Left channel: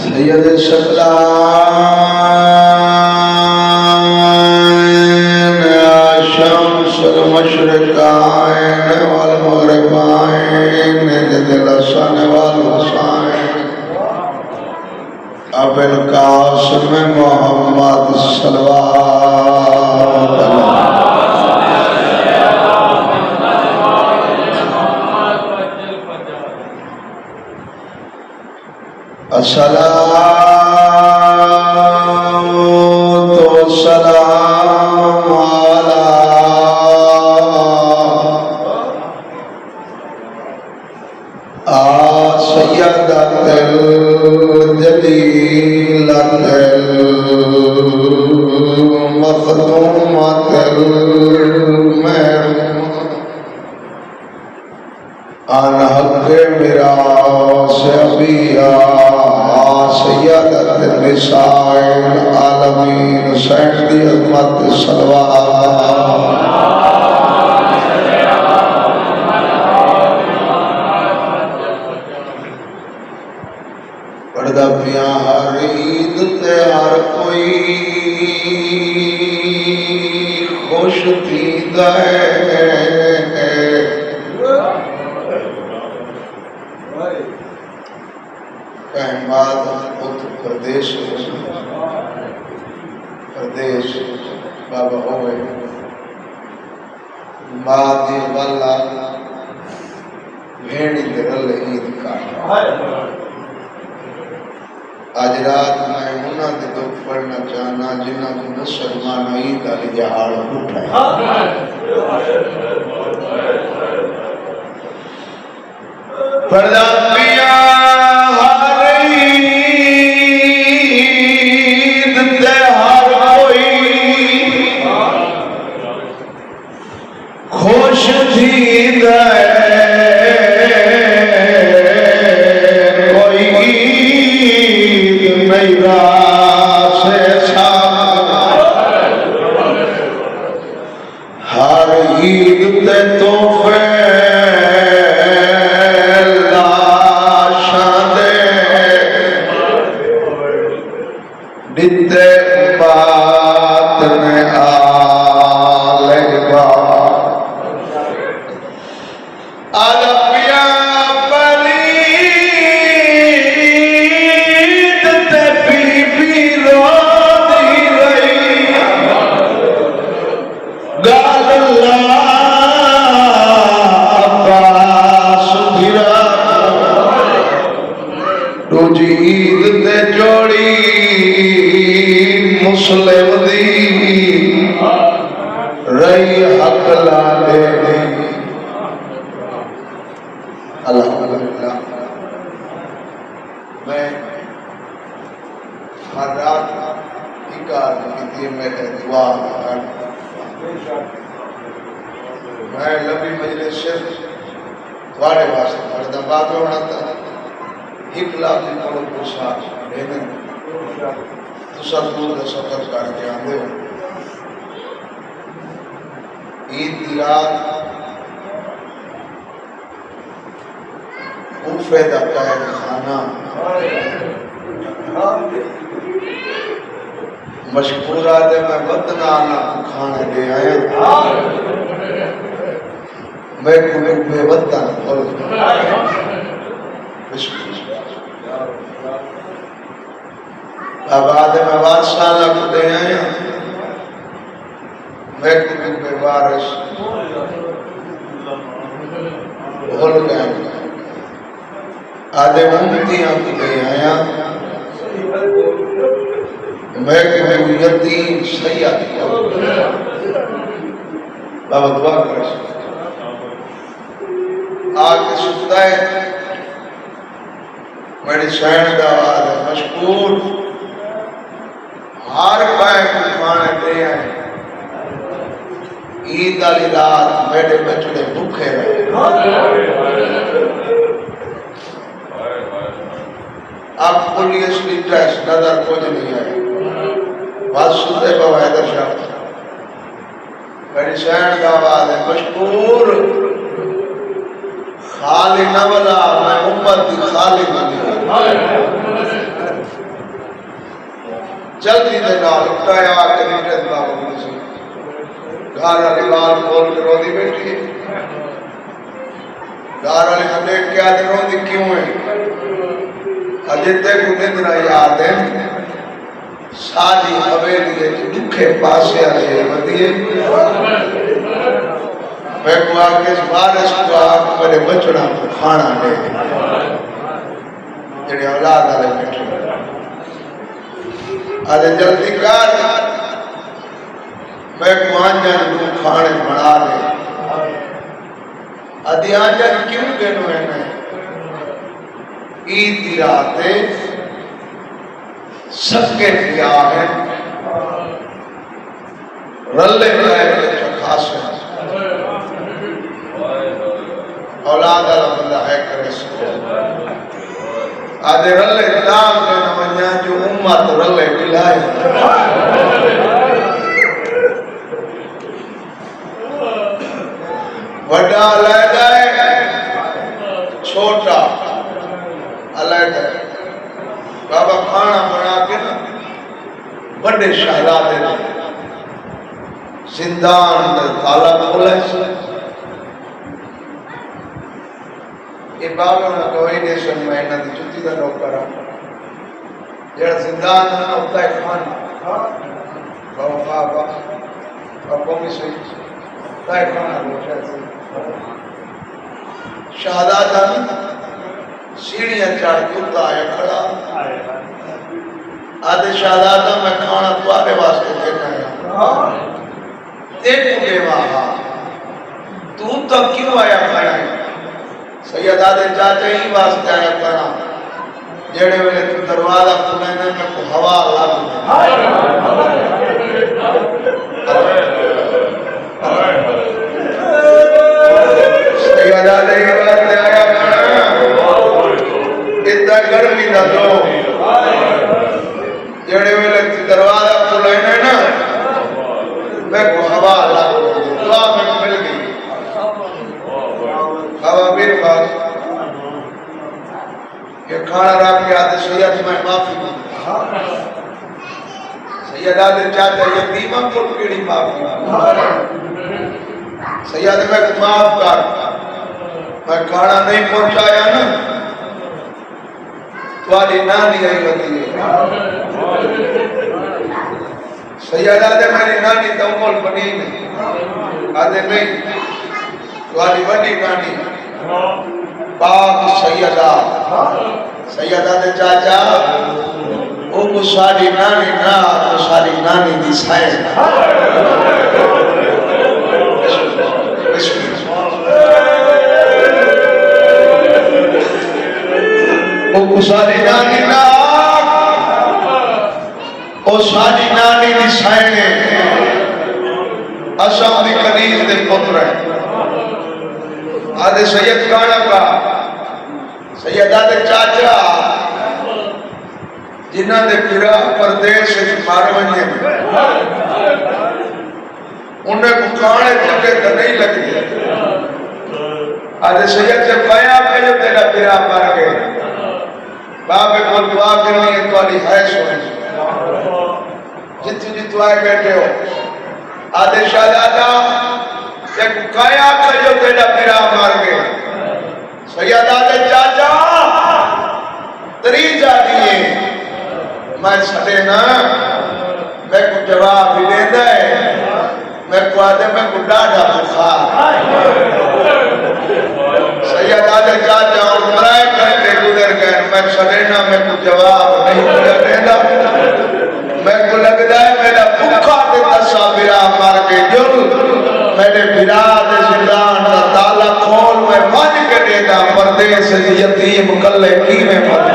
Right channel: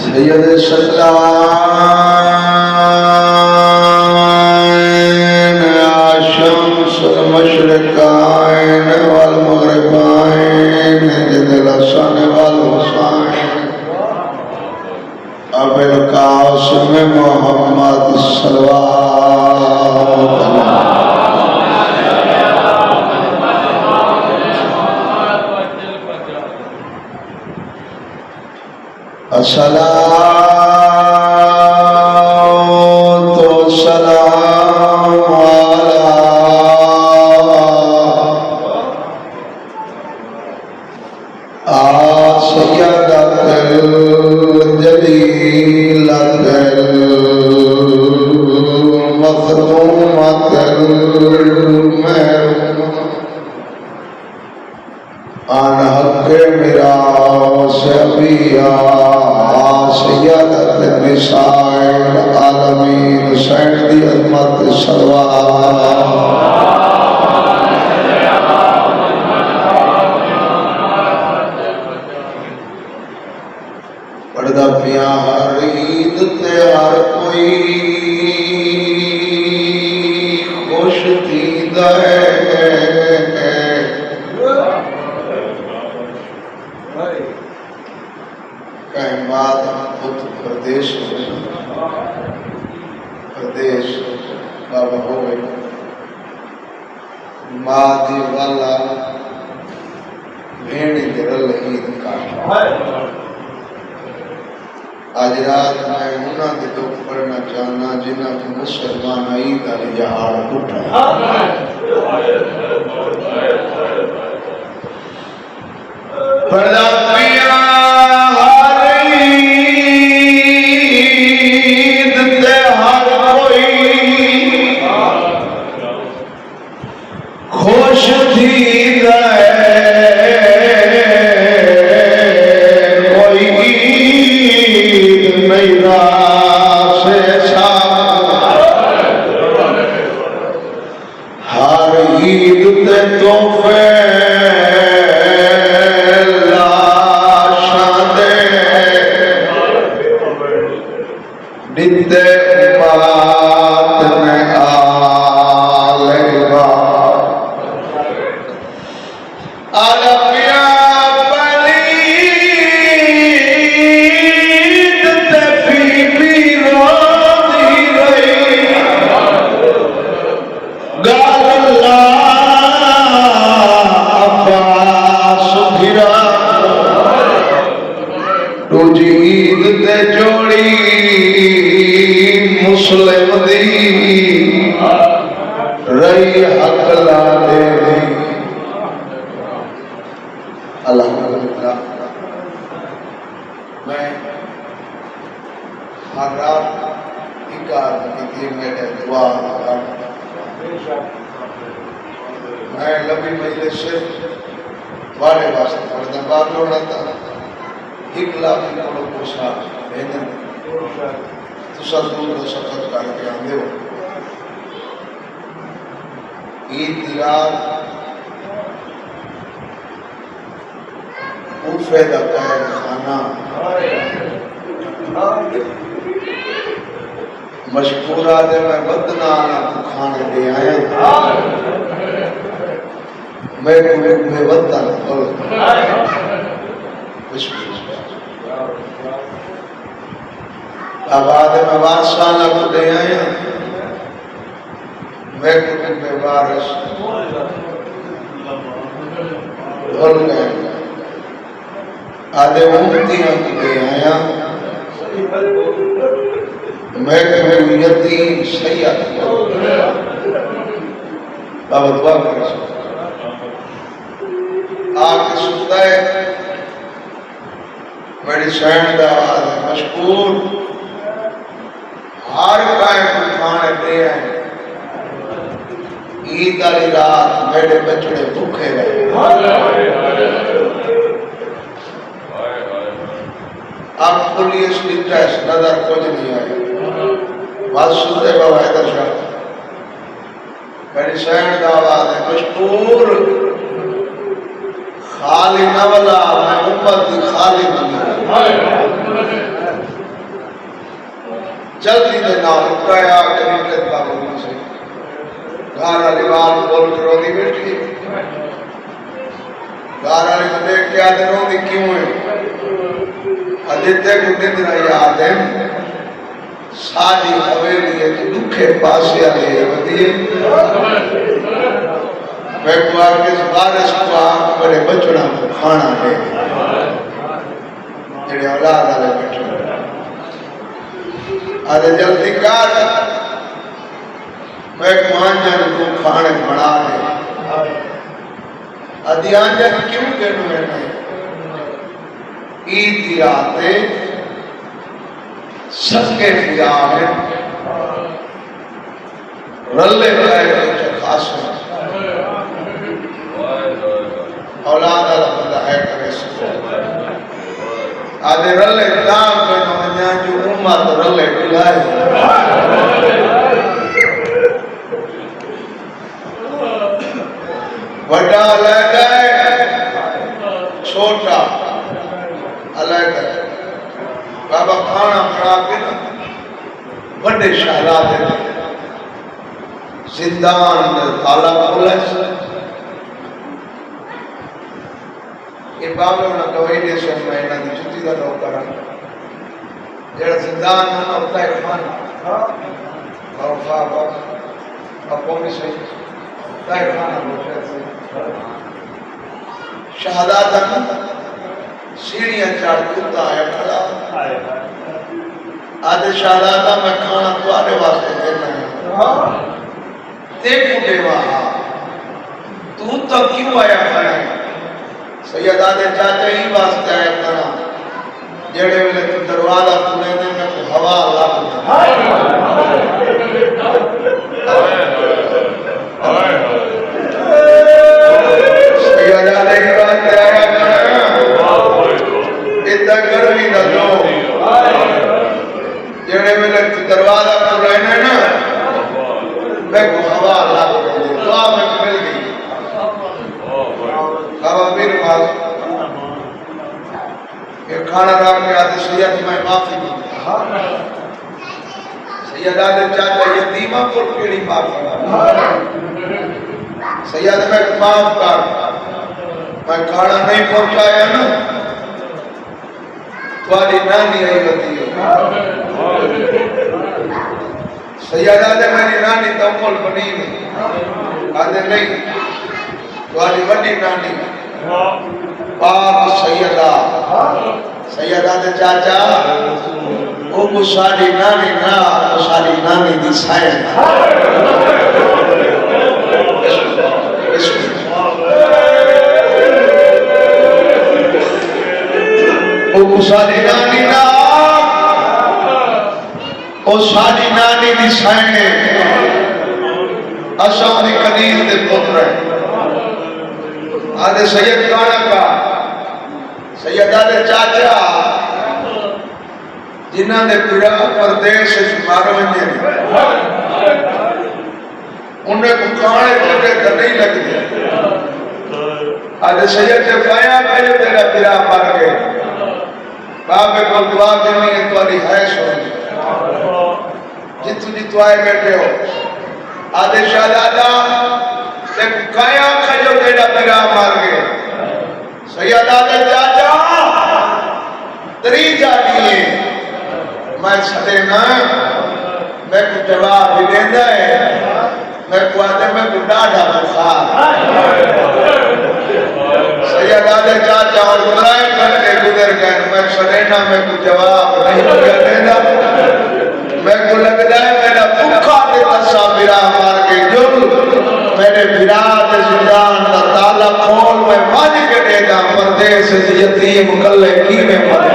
सैयद सकलाइन शम्सुल मशरिक़ाइन वल मग़रिबाइन ज़िल हसन वल हुसैन अबुल क़ासिम मुहम्मद सल्लल्लाहु अस्सलातु वस्सलामु अला सय्यदतिल जलीलतिल मख़दूमतिल आन हक़ मिरास अबिया सय्यदत निसाइल आलमीन हुसैन दी उम्मत पढ़दा पिया हर ईद ते हर कोई खुश थींदा है प्रदेश बाबा हो गए माँ दी वाला भेड़ी रल ईद का आज रात मैं उन्होंने दुख पढ़ना चाहना जिन्हों को मुसलमान ईद का जहाड़ उठा पढ़दा पिया मैं लंबी मजलिस सिर्फ वाले वास्ते पढ़दा बाकी होना था एक लाख निकालो कोसा लेने तुसा दूर दा सफर करके आंदे हो ईद दी रात उफे दा पैर खाना मशकूरा दे मैं वतना ना खाने दे आए मैं वता आबाद में बादशाह को दे आए मैं वारिस भूल गए आधे उम्मतियां को दे आया मैं यतीम सैयद बाबा दुआ कर आके सुनता है मेरी सैन का मशकूर हर पाए को खाने दे आए ईद वाली रात मेरे बचड़े भूखे गए अब पुलिस की ड्रेस नजर कुछ नहीं आई बात सुनते बाबा इधर शाह मेरी सैन का औलाद है मशकूर खाली न बला मैं उम्मत की खाली बनी जल्दी दे नाल उठाया करीब बाबू से घर वाली बात बोल के रोदी बैठी घर वाली को देख के आदि रोदी क्यों है आदित्य को निंद्रा याद है सारी हवेली है कि दुखे पासे आ गए बदिए मैं को आके बारिश को आग करे बचड़ा को खाना दे तेरे औलाद वाले बैठे अरे जल्दी कर मैं को आंजन को खाने बना दे आदि आंजन क्यों कहनो है ईद की रात है सबके पिया है रल्ले गए खास है औलाद वाला बंदा है करे आधे रल्ले दान करना जो उम्मत रल्ले मिलाए बड़ा अलग है छोटा अलग है बाबा खाना बना के ना बड़े शहजादे ने जिंदान ताला खोला ये बाबा ना दवाई दे सो मैं ना जुती का नौकर जेड़ा जिंदान ना होता है खाना बाबा बाबा में से ताई खाना रोशा से शहजादा सीढ़ियां चढ़ कुत्ता है खड़ा आधे शहजादा मैं खाना तुम्हारे वास्ते देना है देखो देवा तू तो क्यों आया खड़ा सैयदा दे चाचा ही वास्ते आया खड़ा जेड़े वेले तू दरवाजा खुले ने मैं को हवा लग सैयदा दे वास्ते आया खड़ा इतना गर्मी न लो जेड़े वेले तू दरवाजा खुले ने ना मैं को हवा लग दुआ में मिल गई बाबा मेरे पास ये खाना रख के आते सैयद मैं माफी मांगता सैयद आते चाचा यतीमा को केड़ी माफी सैयद मैं माफ कर मैं खाना नहीं पहुंचाया ना तुम्हारी नानी है गति सैयद आते मेरी नानी तो उमर बनी नहीं आते नहीं तुम्हारी बड़ी नानी पाक सैयदा सैयदा दे चाचा ओ को साडी नानी ना को साडी नानी दी सायद ओ को साडी नानी ना ओ साडी नानी दी सायद असा भी कदीर दे पुत्र आदे सैयद खाना का सैयदा दे चाचा जिन्हां दे पूरा प्रदेश मार वने उन्हें को खाने चुके तो नहीं लगी आदे सैयद से पाया कजो तेरा पिरा मर गए बाबे को दुआ करनी है तुम्हारी है सुन जितनी जितु आए बैठे हो आदे शहजादा ते काया कजो तेरा पिरा मर गए सैयदा दे चाचा तरी जाती है मैं सके ना मैं को जवाब भी देता है मैं को आदे में को डाढ़ा बुखार सैयदा दे चाचा और बुलाए करके गुजर गए मैं सके ना मैं को जवाब नहीं देता मैं को लगता है मेरा भूखा दे कसा बिरा मार के जुल मेरे बिरा दे जिंदान का ताला खोल मैं मान के देगा परदेश से यतीम कल्ले की में मर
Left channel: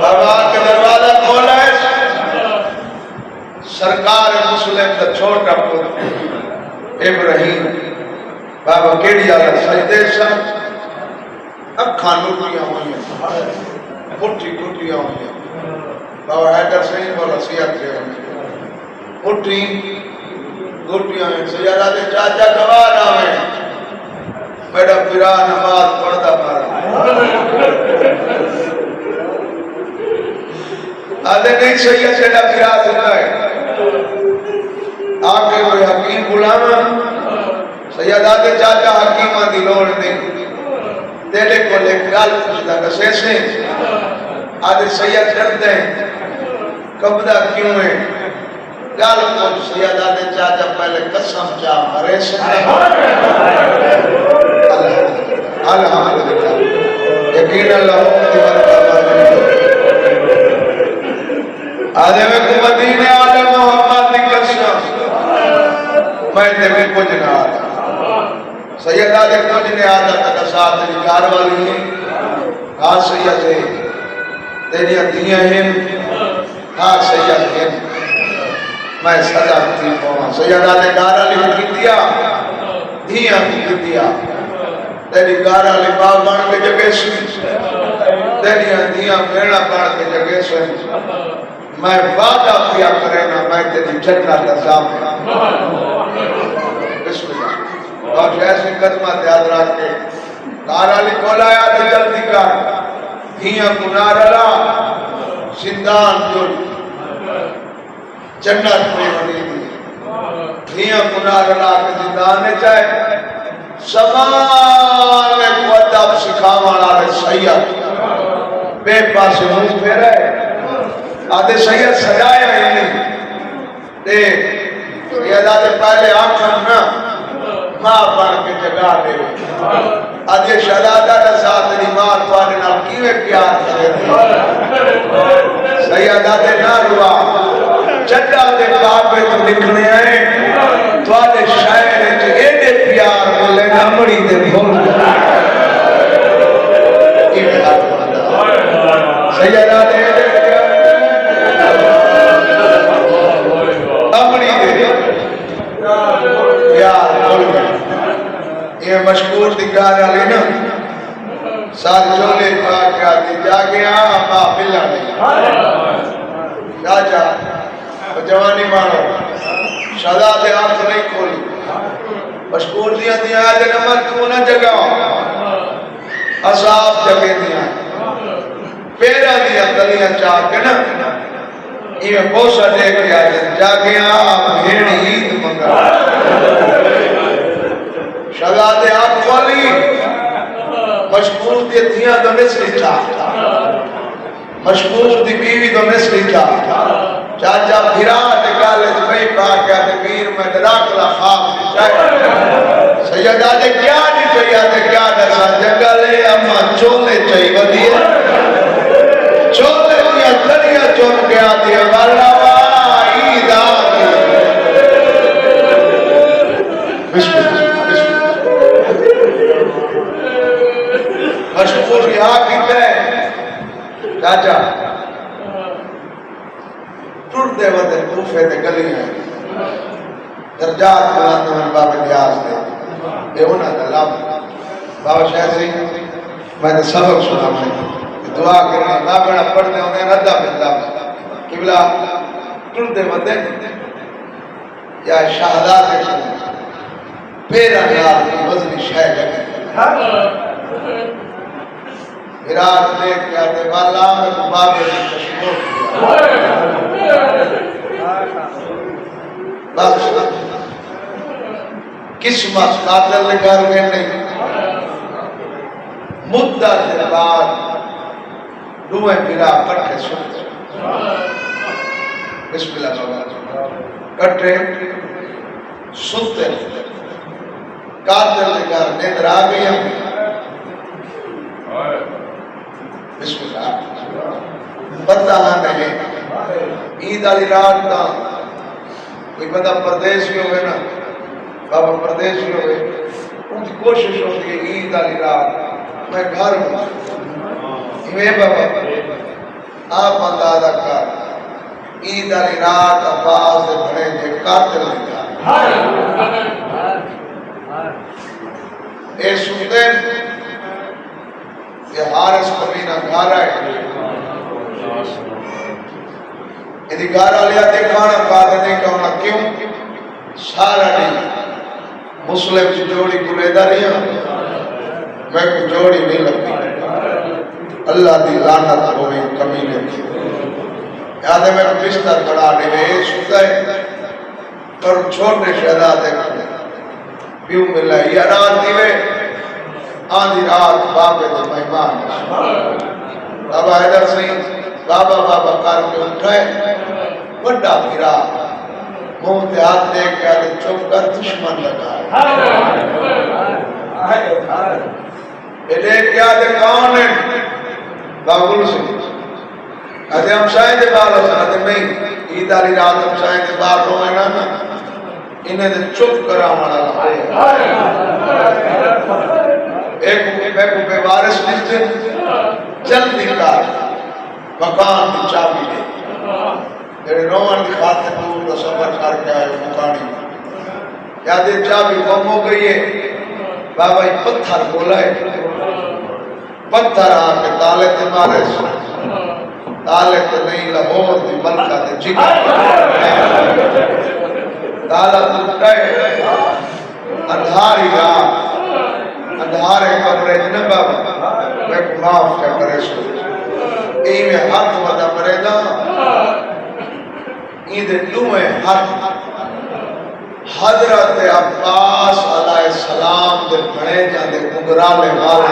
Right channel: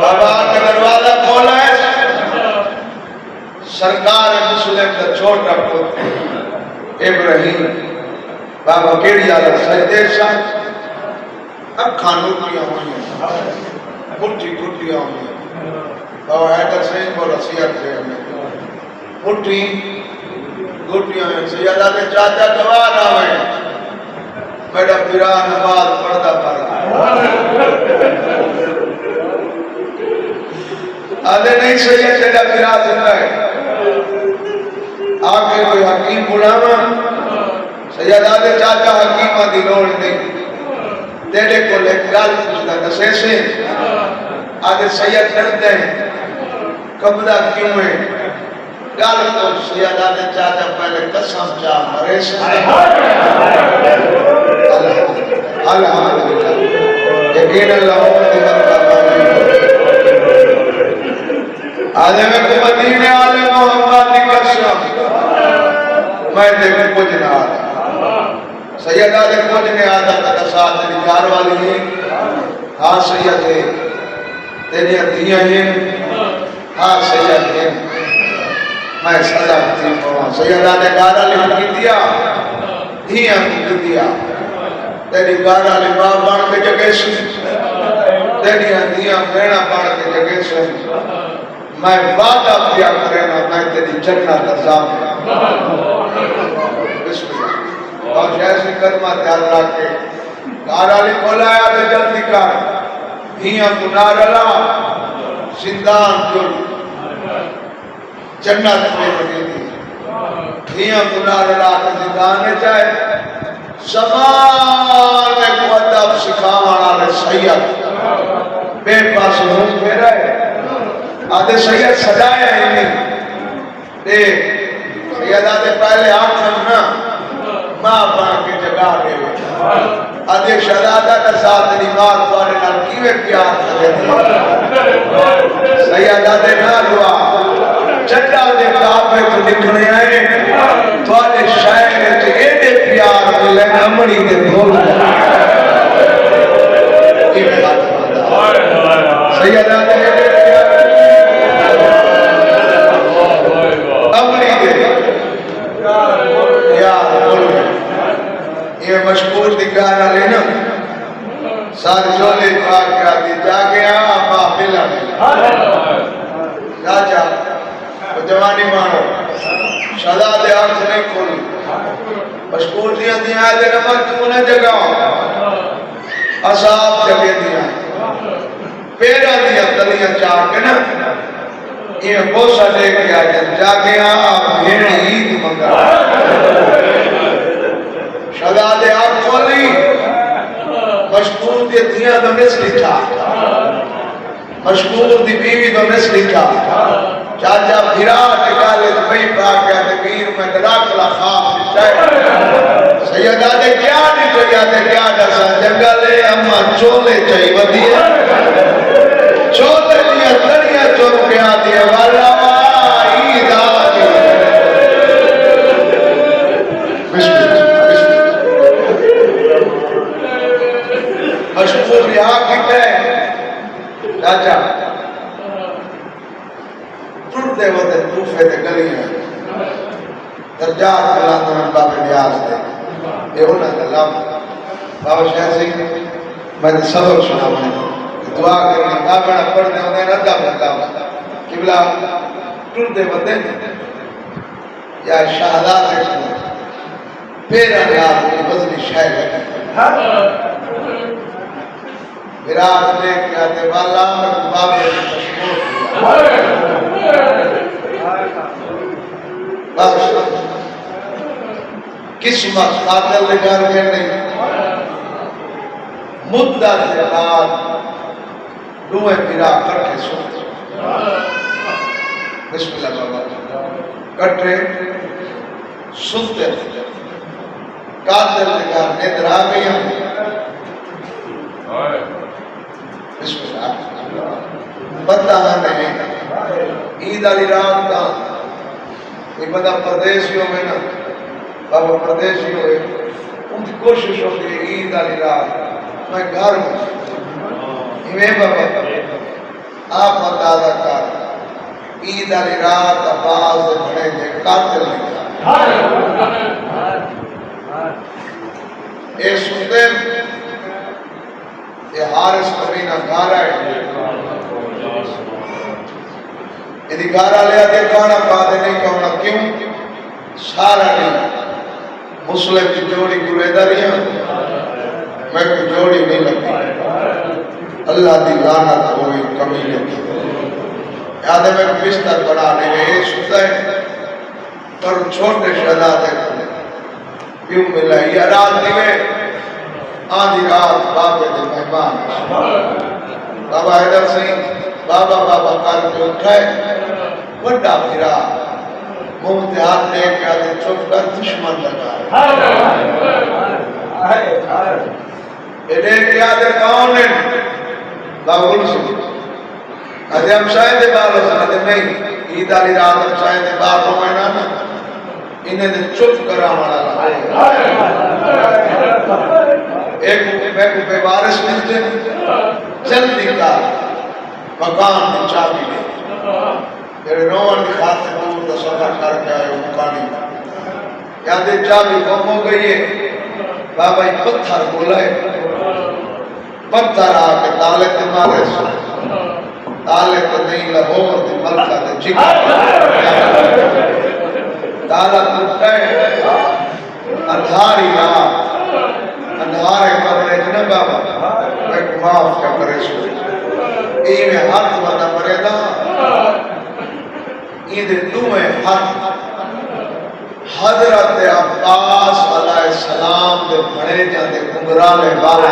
बाबा का दरवाजा खोला है सरकार मुस्लिम का छोटा पुत्र इब्राहिम बाबा केड़ी आला सरदेशा अखां लुटियां हुई पुट्टी पुट्टियां हुई बाबा हैदर सिंह बोला सियात से पुट्टी गोटियां में सैयदा दे चाचा गवार आवे बड़ा पिरा नमाज पढ़दा कर आदे नहीं सैयद तेरा पिरा सुनना है आके कोई हकीम बुलावा सैयदा दे चाचा हकीमा की लोड़ नहीं तेरे को ले ख्याल पूछदा दसे से आदे सैयद डरते कब्जा क्यों है गाल को सैयदा दे चाचा पहले कसम चा मरे से अल्हम्दुलिल्लाह यकीन अल्लाह की बरकत आदे में को मदीने आले मोहम्मद की कसम मैं देखो कुछ ना आता सैयदा दे कुछ नहीं आता का साथ निकार वाली है हां सैयद है तेरी दियां हैं हां सैयद है मैं सदा थी पवा सैयदा ने गारा लिख दिया दियां लिख दिया तेरी गारा लिबा बन के जगह सी तेरी दियां मेणा बन के जगह से मैं वादा किया करे ना मैं तेरी जन्नत का सामने बिस्मिल्लाह और ऐसी कदमा ध्यान रख के गारा लिखोलाया तो जल्दी कर दियां गुनारला जिंदान जो जन्नत में दी दियां गुनारला के जिंदान चाहे समान में को अदब सिखावण वाले सैयद बेपास मुंह फेरे आदे सैयद सदाया ही दे सैयदा दे पहले आखन ना मां बन के जगा दे आदे शहजादा का साथ दी मां पाने नाल कीवे प्यार करे सैयदा दे ना रुआ चड्डा दे बाबे तो निकले आए तुम्हारे शहर च एडे प्यार मिले अमड़ी दे बोल कीवे बात सैयदा दे अमड़ी दे यार बोल ये मशहूर दिगारा है ना सार चोले पाक आदि जागे आ मां मिलन राजा जवानी मारो सदा दे आंख नहीं खोली मशहूर दिया दिया दे नमन तू ना जगा असाब जगे दिया पेरा दिया गलियां चाह के ना ये बोसा दे के आ जागे आ भेड़ ईद मंगा सदा दे आंख खोली मशहूर दी दिया तो मिस लिखा मशहूर दी बीवी तो मिस लिखा चाचा विराट गाले नहीं पाक है वीर में डराकला खाब सैयदा दे क्या नहीं सैयदा क्या दसा जंगल है अम्मा चोले चाहिए वदिया चोले दिया करिया चुप गया दे वाला ईद आ मशहूर यहाँ कितना है चाचा टूटते होते तूफे ते गलियां दर्जात बुलंद में बाबे ब्याज दे ये होना था लाभ बाबा शाह सिंह मैंने सबक सुना दुआ करनी बाबा पढ़ने होने रद्दा बंदा किबला टूटते होते या शहदा के पेरा नाल की वजनी शाह लगी विराट ने क्या दे वाला में बाबे ने मशहूर बस किस्मत कातल निकाल में नहीं मुद्दा के बाद दुए बिरा कट्ठे सुनते बिस्मिल्लाह कट्ठे सुनते कातल निकाल निद्र आ गई बिस्मिल्लाह बता नहीं ईद वाली रात का कोई बंदा परदेसी होवे ना बाबा परदेसी होवे उनकी कोशिश होती है ईद वाली रात मैं घर में इवे बाबा आप अंदाजा कर ईद वाली रात आवाज बड़े दे कातिल ये सुनते ये हारिस कमीना गारा है यदि गारा लिया देखा ना बाद नहीं कहना क्यों सारा नहीं मुस्लिम की जोड़ी गुलेदारियां मैं को जोड़ी नहीं लगी अल्लाह दी लानत होवे कमी नहीं याद है मैं बिस्तर बनाने गए सुते और छोटे शहजादे को क्यों मिला ये रात दिवे आधी रात बाबे दे मेहमान बाबा हैदर सिंह बाबा बाबा करके उठे बड़ा फिरा मुंह ते हाथ दे के आगे चुप कर दुश्मन लगा ये देख के आगे कौन है बाबुल सिंह अरे हम शायद बाहर हो सकते नहीं ईद वाली रात हम शायद बाहर हो गए ना इन्हें तो चुप करा वाला एक के वारिस मिलते जल्दी का मकान की चाबी दे तेरे रोवन की खातिर दूर का सफर करके आए मकानी क्या दे चाबी गुम हो गई है बाबा ये पत्थर बोला है पत्थर आके ताले ते मारे ताले तो नहीं लाहौर दी मलका ते जिगर ताला टूटा है अंधारी रात अंधारे कमरे न बाबा मैं माफ कर करे सो ए में हाथ वदा मरेदा इदे तुम्हें हाथ हजरत अब्बास अलैहिस्सलाम दे बड़े जाते कुंगराले वाले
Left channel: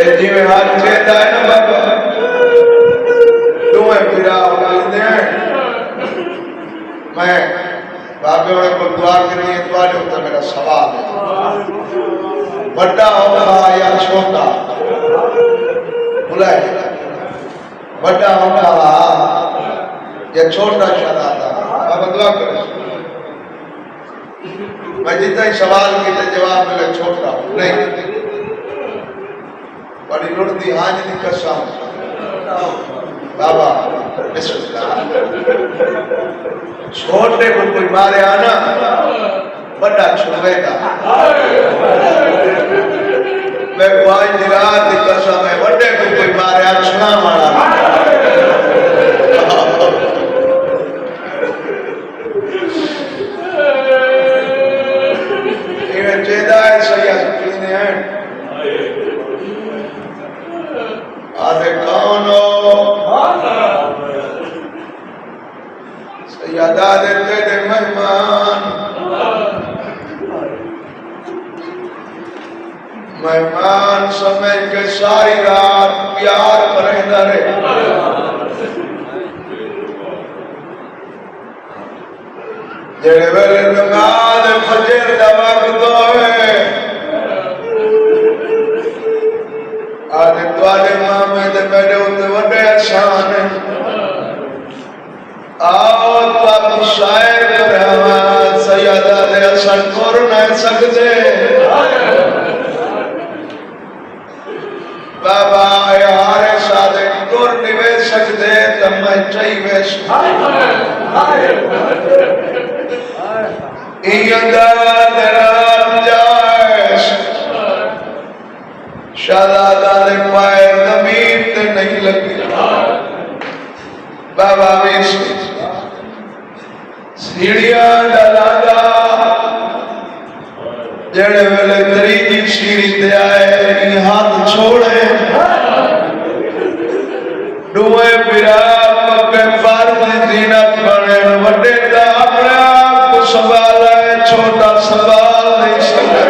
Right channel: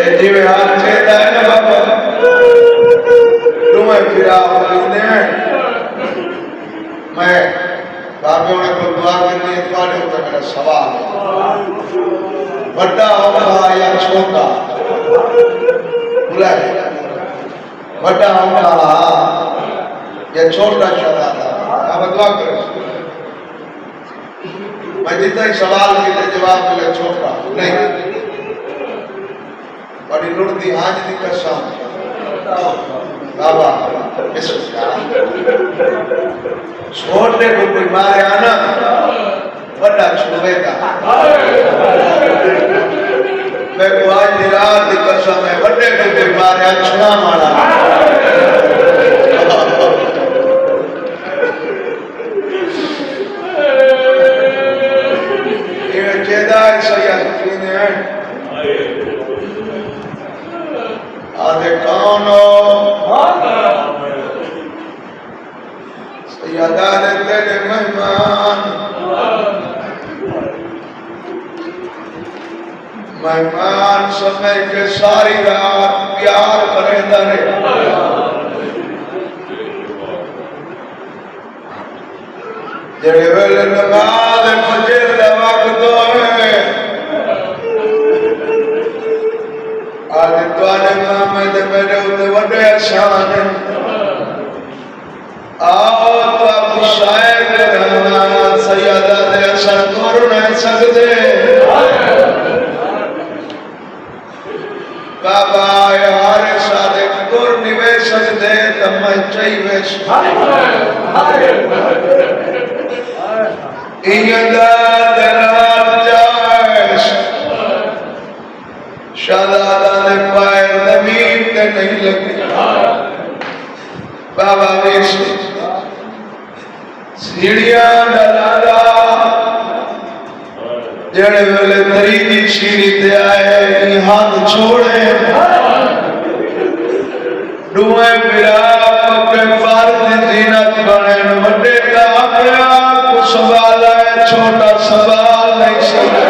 ये जिवे हाथ लेता है ना बाबा तुम्हें फिरा होते हैं मैं बाबे को दुआ करनी है तुम्हारे ऊपर मेरा सवाल है बड़ा होगा या छोटा बुलाए बड़ा होगा या छोटा शहजादा अब दुआ करो मैं जितना ही सवाल किए जवाब मिले छोटा नहीं बड़ी लुटती हाज की कसम बाबा छोटे को कोई मारे आना बड़ा छुड़ेगा मैं आज रात की कसम है बड़े को कोई मारे आ छुड़ा मारा ये जेदाई सैयद किने हैं आधे कौन हो सैयदा दे तेरे मेहमान मेहमान समय के सारी रात प्यार करेंदा रहे जेड़े वेले नमाज फजर दा वक्त होवे आज तुआरे मामे ते मेरे उते वडे एहसान है आओ तो आप शायर करावा सैयदा दे असर कर ना सकदे बाबा यार सादे टुर निवे सकदे त मैं चाहिए इयदा दरात जाश शहजादा ने पाए जमीन पे नहीं लगी बाबा वेश सीढ़ियां डाला जेड़े वेले तरीकी सीढ़ी ते आए हाथ छोड़े दुए पिरा पक्के पार दी जीनत बने वड्डे दा अपने आप को संभाला छोटा सवाल नहीं सकता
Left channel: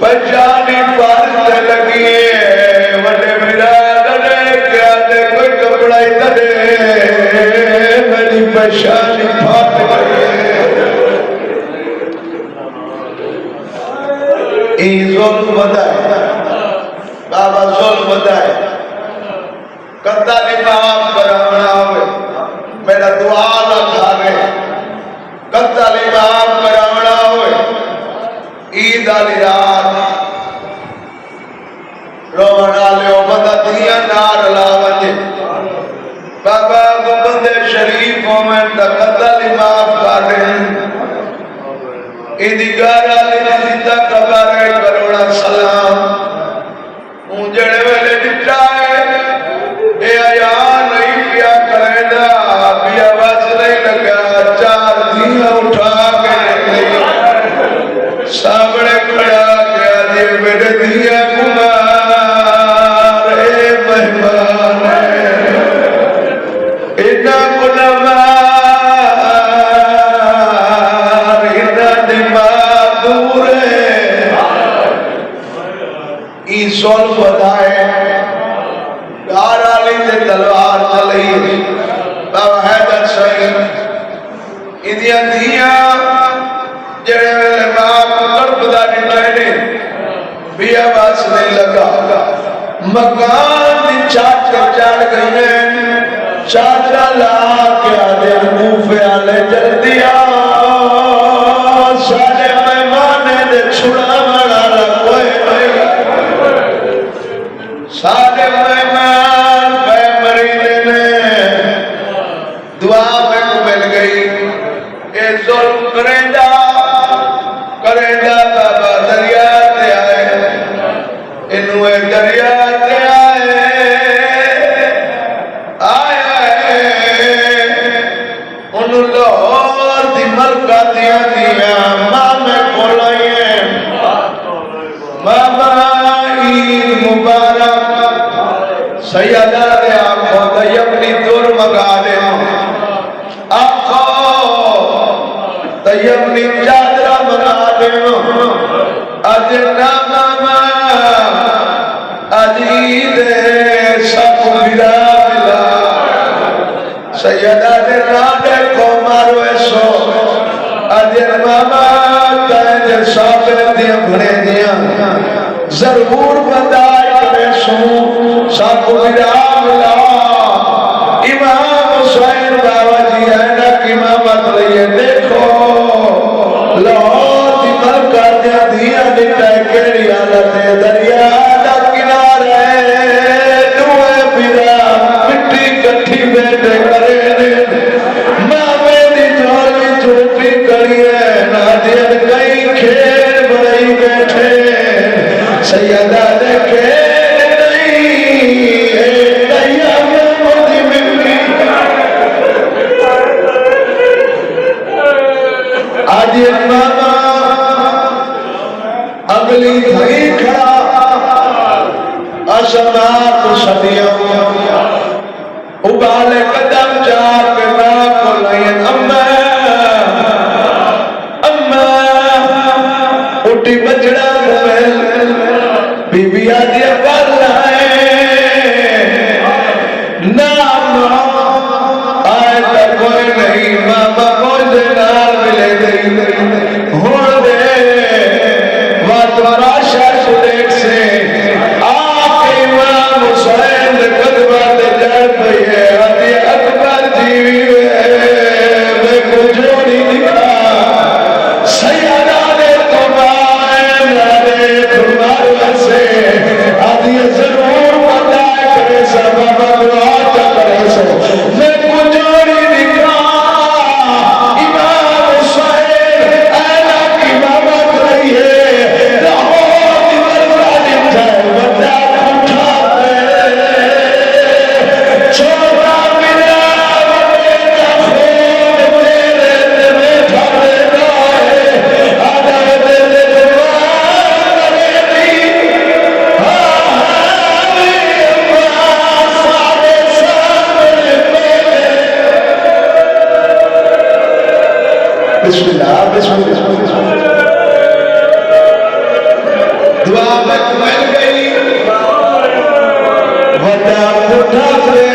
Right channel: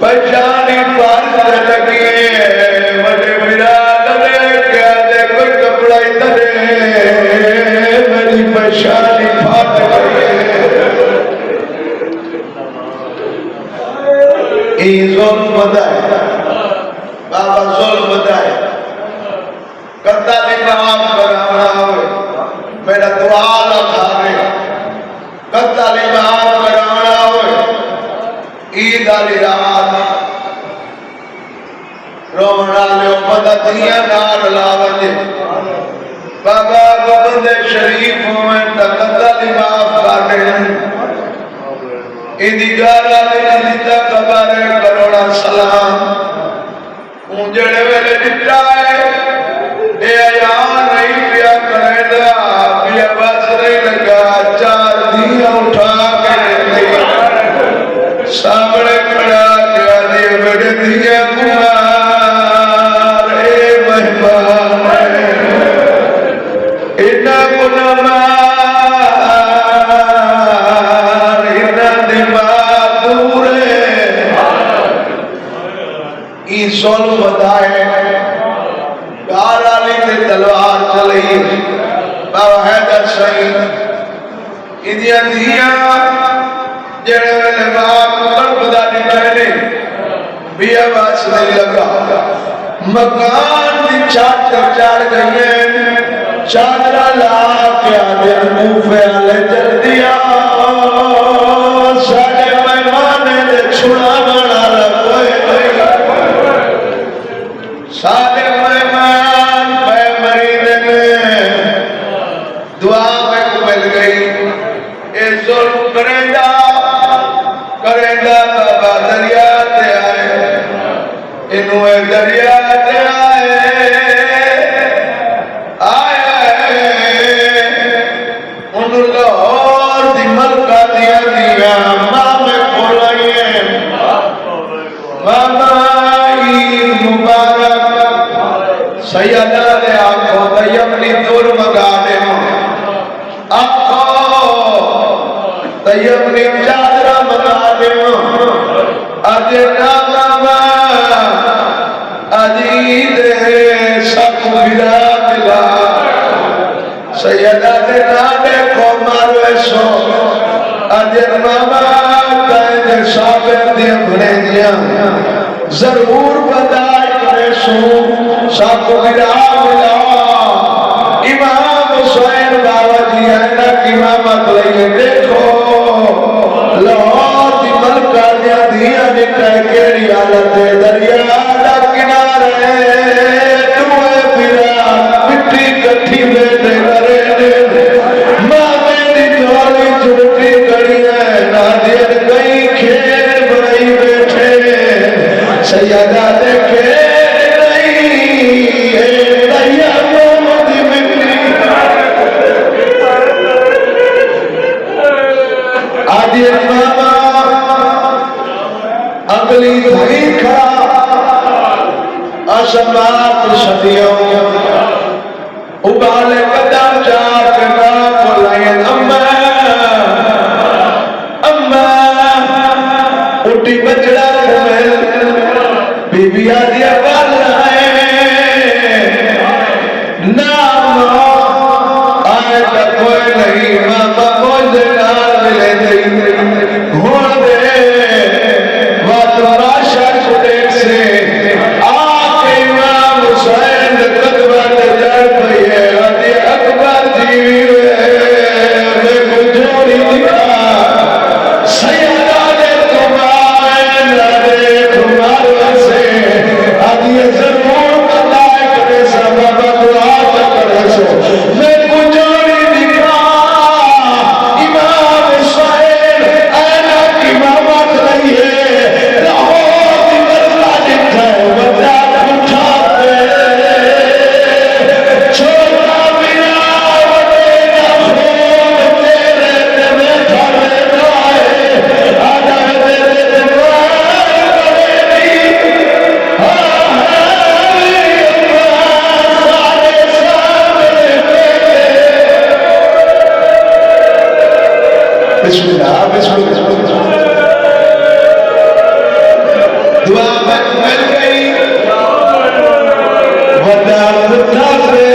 पहचानी पार लगी वड्डे पिरा डरे क्या दे कोई कपड़ा इतने मेरी पहचानी फाट गई जुल्म बताए बाबा जुल्म बताए कद्दा भी माफ कराना होवे मेरा दुआ ना खावे कद्दा भी माफ कराना होवे ईद वाली रात रोना लो बदतियां नार लावजे बाबा बंदे शरीफ मोमेंट दा कद्दा भी माफ करे इंदी गारा जिंदा कबारे करोड़ा सलाम उजड़े वेले दिता मकान की चाचा चढ़ गए चाचा ला के आगे मुंह आले चल दिया सारे मेहमाने दे छुड़ा बना सारे मेहमान पे मरीदे में दुआ में मिल गई ये जुल्म करेंदा बाबा दरिया ते आए इनू दरिया ते लाहौर दी मलका दिया दिया मामे खोलाइए मामा ईद मुबारक सैयदा दे आखो तयबनी दूर मगा दे आखो तयबनी चादरा मगा दे अज ना मामा अजीद सब विदा विदा सैयदा दे ना देखो मारो ऐसो अजर मामा तांजे सागर दिया भरे दिया जरूर बताए करे सो साको विदा विदा इमाम हुसैन बाबा जी है ना कि मामा कलैया देखो लाहौर दी मलका दिया निकल केड़ी हालत है दरिया दा किनारे दुए पिरा मिट्टी कट्ठी बैठे करे मामे दी झोली चुटकी करी है नादियत कई खेल बनाई बैठे सैयदा दे खेल नहीं है दैया मोदी मिट्टी आदि मामा अगली धड़ी खा असमात सदियों उबाले कदम चार के नाम बुलायन अम्मा अम्मा उठी बजड़ा कुमेल बीबी आदि कर रहे ना आए तो कोई नहीं मामा मुझे नाल मिले नहीं हो दे वातवरा शाह सुदेख से आके इमाम हुसैन कदमत चढ़ गई है अति अकबर जी मैं को जोड़ी दिखा सैयदा ने तुम्हारे तुम्हारे से अति जरूर बताए करे सब दुआ करे सो मैं को जोड़ी दिखा इमाम हुसैन ऐना की मामा करिए लाहौर की मरना दिखा बता उठा छोटा बिना वदेना खून तेरे में ठाड़े जाए आदर दे सारे सामने बिस्मिल्लाह बिस्मिल्लाह दुआ में मिल गई वदा खुदा पे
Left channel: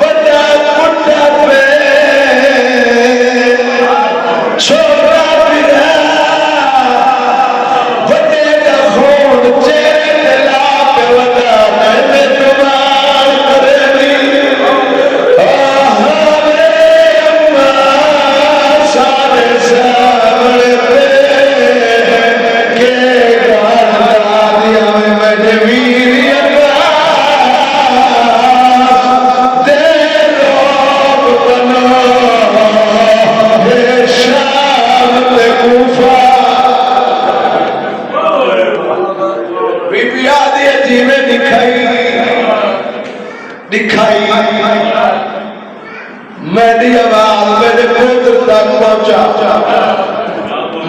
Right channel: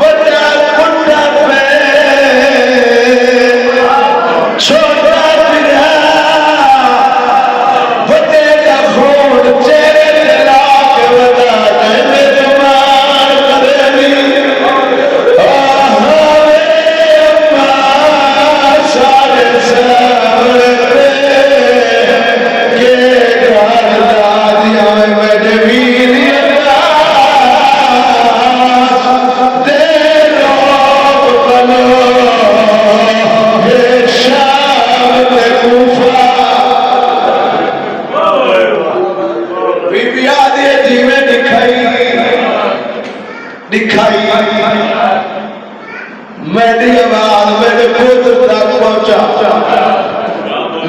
वदा खुदा पे छोटा बिना वदे दा खून चेहरे ते ला के वदा मैं तुम्हार करेली सारे सामने के दिया मैं जमीन दे लोग बनो बेशाम ते कूफा बीबी आदि जीवे दिखाई मेरी आवाज मेरे पुत्र तक पहुंचा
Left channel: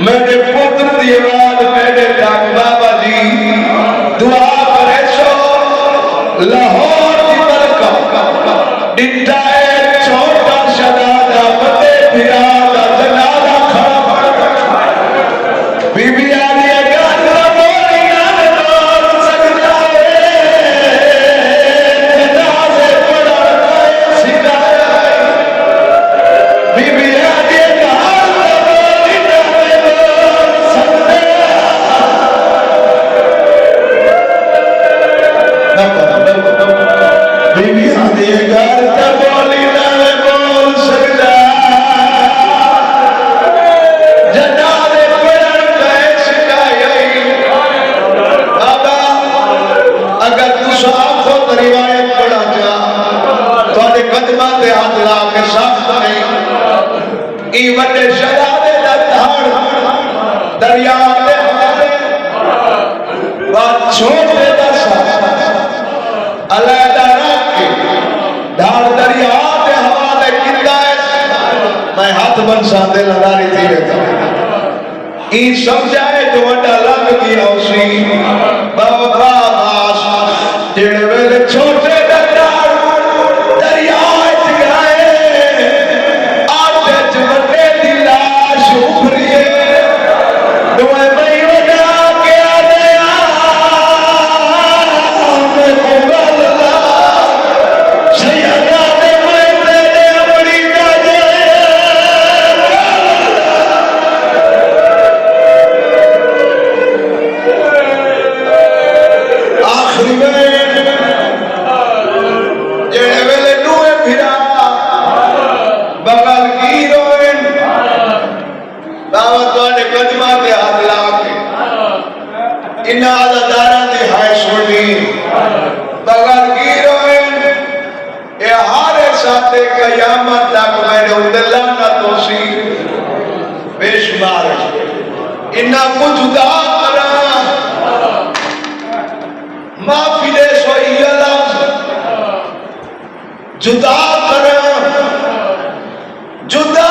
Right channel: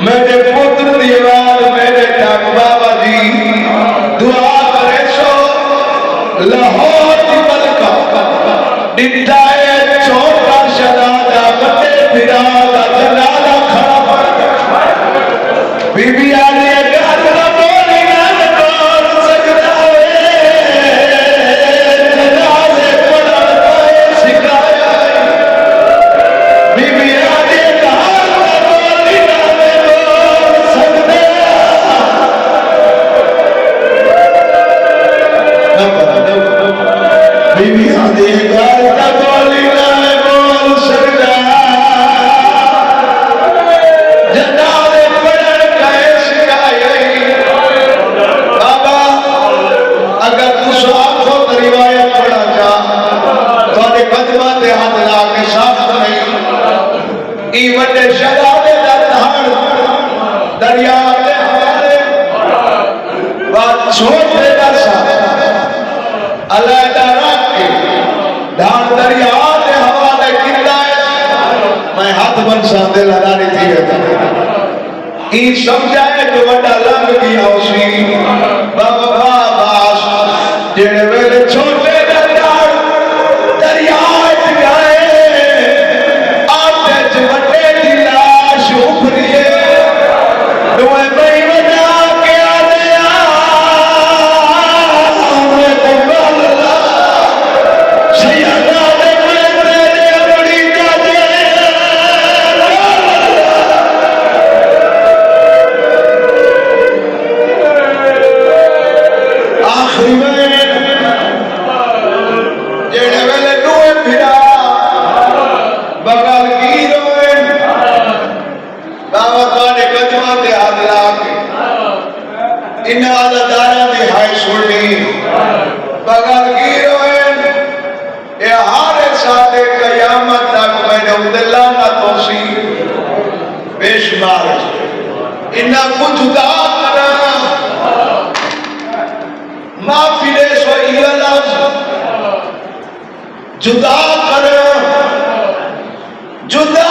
मेरे पुत्र की आवाज मेरे तक बाबा जी दुआ करे सो लाहौर की मलका डिटा छोटा शनादा बते फिरा जनादा खड़ा बीबी आदि गल बोली ना बोल सकता जनाजे पढ़ा सिखाया बीबी आदि गल बोली ना बोल सकता बीबी आदि गाल का बोली ना बोल सकता जनाले पर गए शिकायत बाबा अगर तू साफ हो तो रिवायत पढ़ा जा थोड़े कदमा ते हाथ ला के साफ करे ई वड्डे शहजादे दा धाड़ दरिया दे हवाले बात सोच दे दसा अलहदा रख के धाड़ दरिया के हवाले किंदा है मैं हाथ बन साथे लदारी थी बैठा ई समझा है जो वड्डा लंग गया उसी बाबा बास जेड़े वेले छोटे धाड़ दरिया च गए आटे च वड्डे दी लाश उभरिए दोए मई वजा के आदे मैं बोल ला सैयदा दे मैं तेरे बड़ी जादे आखिरी में जेड़े वेले दुए फिरा बगल की रोन बाबा तुहाडे कदमां ते हाथ ला के इन्ना अदादारा दी हाय सुनी बगल की रोन ये हारे साथे कयामत तक मैंने उदला ना तोसी बेशुमार इन्ना कुछ दा करा माफी दे सोई लफ्ज जुदा कर जुदा